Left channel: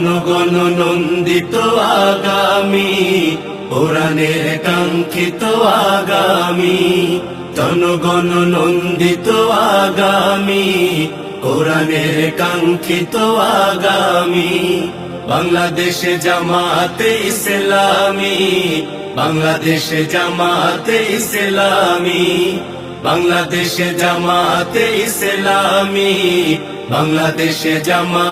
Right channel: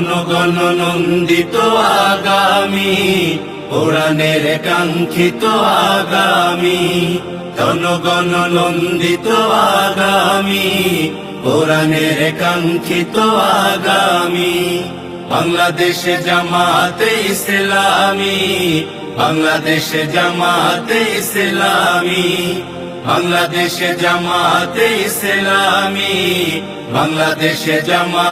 জনগণ নন্দিত আগামী উড়ানের কাঙ্ক্ষিত আগামী জনগণ নন্দিত আগামী উড়ানের কাঙ্ক্ষিত আগামী বাংলাদেশ জামাতে ইসলামী বাংলাদেশ জামাতে ইসলামী বাংলাদেশ জামাতে ইসলামী বাংলাদেশ জামা